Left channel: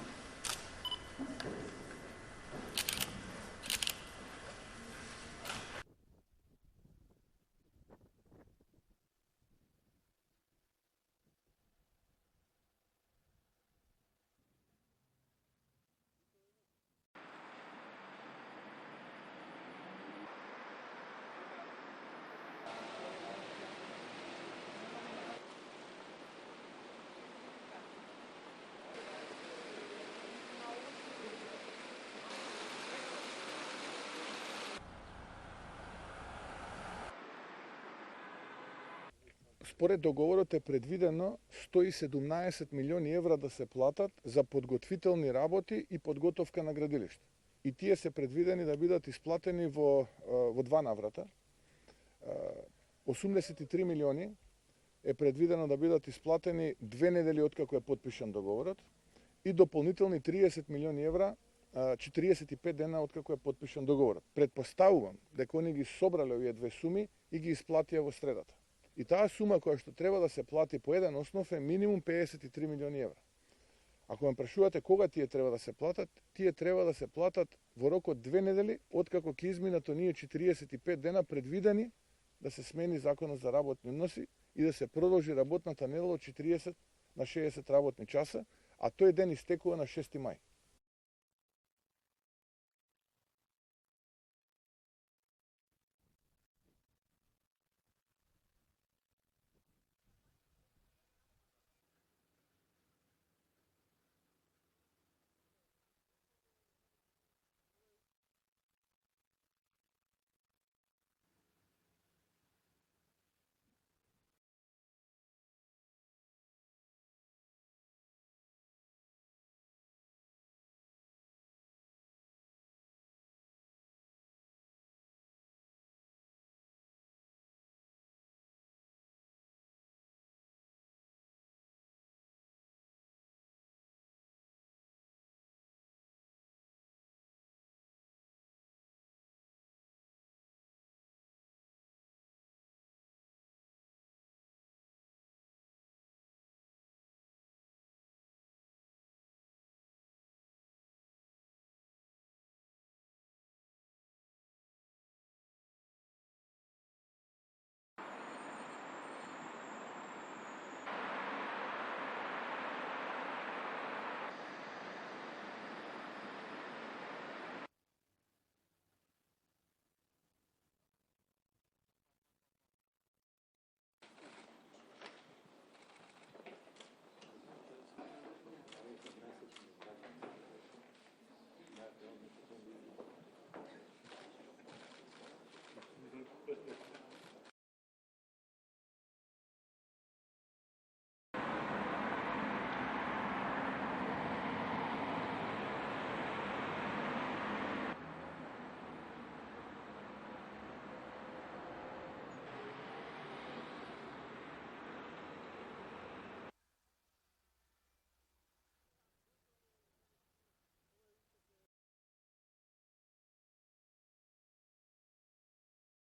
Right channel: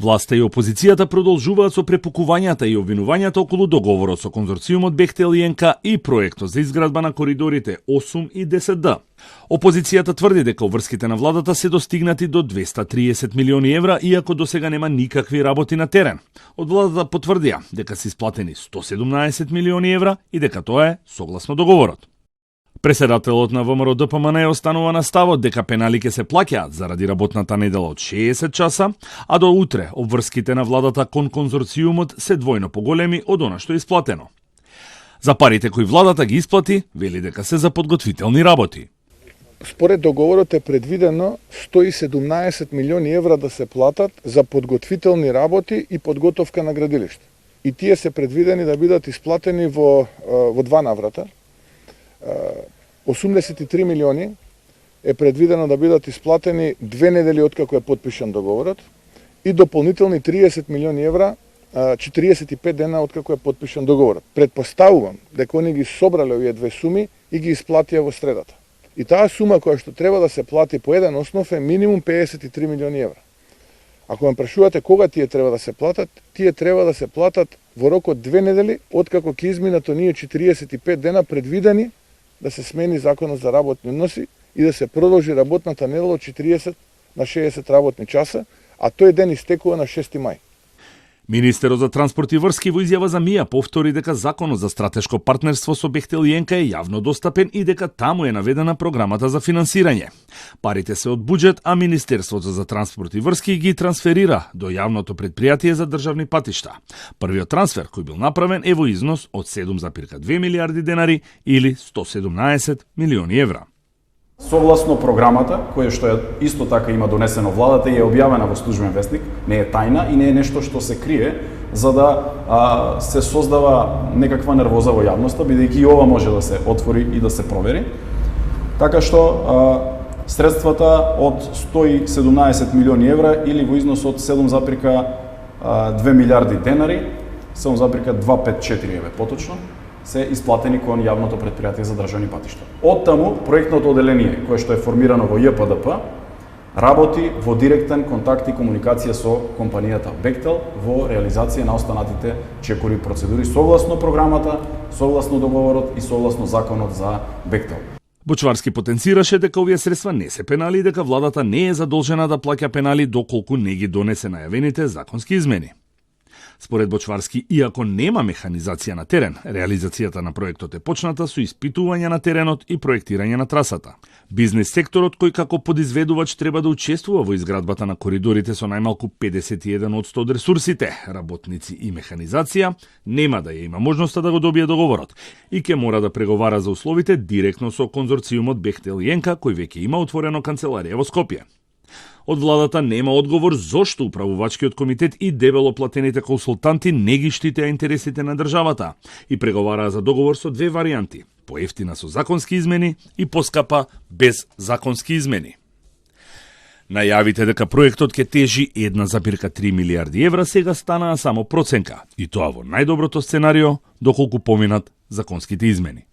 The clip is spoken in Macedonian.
Власта и опозицијата продолжуваат со препукувањата и обвинувањата околу договорот со конзорциумот Бехтел и ЕНК и проектот за изградба на коридорите 8 и 10Д. Опозицијата тврди дека обврските на владата се достигнати до 230 милиони евра, иако досега нема никакви работи на терен. Од владата потврдија дека се исплатени 117 милиони евра и дека тоа е согласно договорот. Преседателот на ВМРО ДПМН останува на ставот дека пенали ќе се плаќаат заради работната недела од 60 часа, а до утре обврските на владата кон конзорциумот се двојно поголеми од она што е исплатено. За парите кои владата ги исплати, вели дека се за подготвителни работи. Според договорот е предвидено 117 милиони евра да се платат за подготвителни работи и подготовка на градилиште. И тие се предвидени да бидат исплатени во два наврата. 83 милиони е предвидено да бидат исплатени 2 недели откако е подпишан договорот и дополнителни 30 милиони евра 45 дена откако е подпишан договорот. Предпоставувам дека они ги собрале овие две суми и ги исплатија во средата. И таа сума која што треба да се плати по еден основ е минимум 53 милиони евра. Ако ме прашувате кога тие треба да се платат, тие треба да се платат во рок од 2 недели откако ќе изминат оние 45 дена предвидени да се смени законот за работни односи и да се продолжи работната недела од 40 на 60 работни часа, а тој ден истекува на 6 мај. Министерот за транспорт и врски во изјава за МИА повтори дека законот за стратешко партнерство со Бехтел и ЕНК е јавно достапен и дека таму е наведена програмата за финансирање. Парите се од буџет, а Министерството за транспорт и врски ги трансферира до јавното претпријатие за државни патишта. Првиот трансфер кој бил направен е во износ од 7,2 милиарди денари или 117 милиони евра. Согласно програмата, која што исто така има донесено владата и е објавена во службен весник, не е тајна и не е нешто што се крие за да се создава некаква нервоза во јавноста, бидејќи и ова може да се отвори и да се провери. Така што средствата од 117 милиони евра или во износ од 7,2 милиарди денари, 7,254 поточно, се исплатени кон јавното претпријатие за државни патишта. Од таму, проектното оделение, кое што е формирано во ЈПДП, работи во директен контакт и комуникација со компанијата Бехтел во реализација на останатите чекори процедури согласно програмата, согласно договорот и согласно законот за Бехтел. Бочварски потенцираше дека овие средства не се пенали и дека владата не е задолжена да плаќа пенали доколку не ги донесе најавените законски измени. Според Бочварски, иако нема механизација на терен, реализацијата на проектот е почната со испитување на теренот и проектирање на трасата. Бизнес секторот, кој како подизведувач треба да учествува во изградбата на коридорите со најмалку 51% од ресурсите, работници и механизација, нема да ја има можноста да го добие договорот и ќе мора да преговара за условите директно со конзорциумот Бехтел и ЕНК, кој веќе има отворено канцеларија во Скопје. Од владата нема одговор зошто управувачкиот комитет и дебело платените консултанти не ги штитеа интересите на државата и преговараа за договор со две варијанти: поевтина со законски измени и поскапа без законски измени. Најавите дека проектот ќе тежи 1,3 милиарди евра сега станаа само проценка, и тоа во најдоброто сценарио доколку поминат законските измени.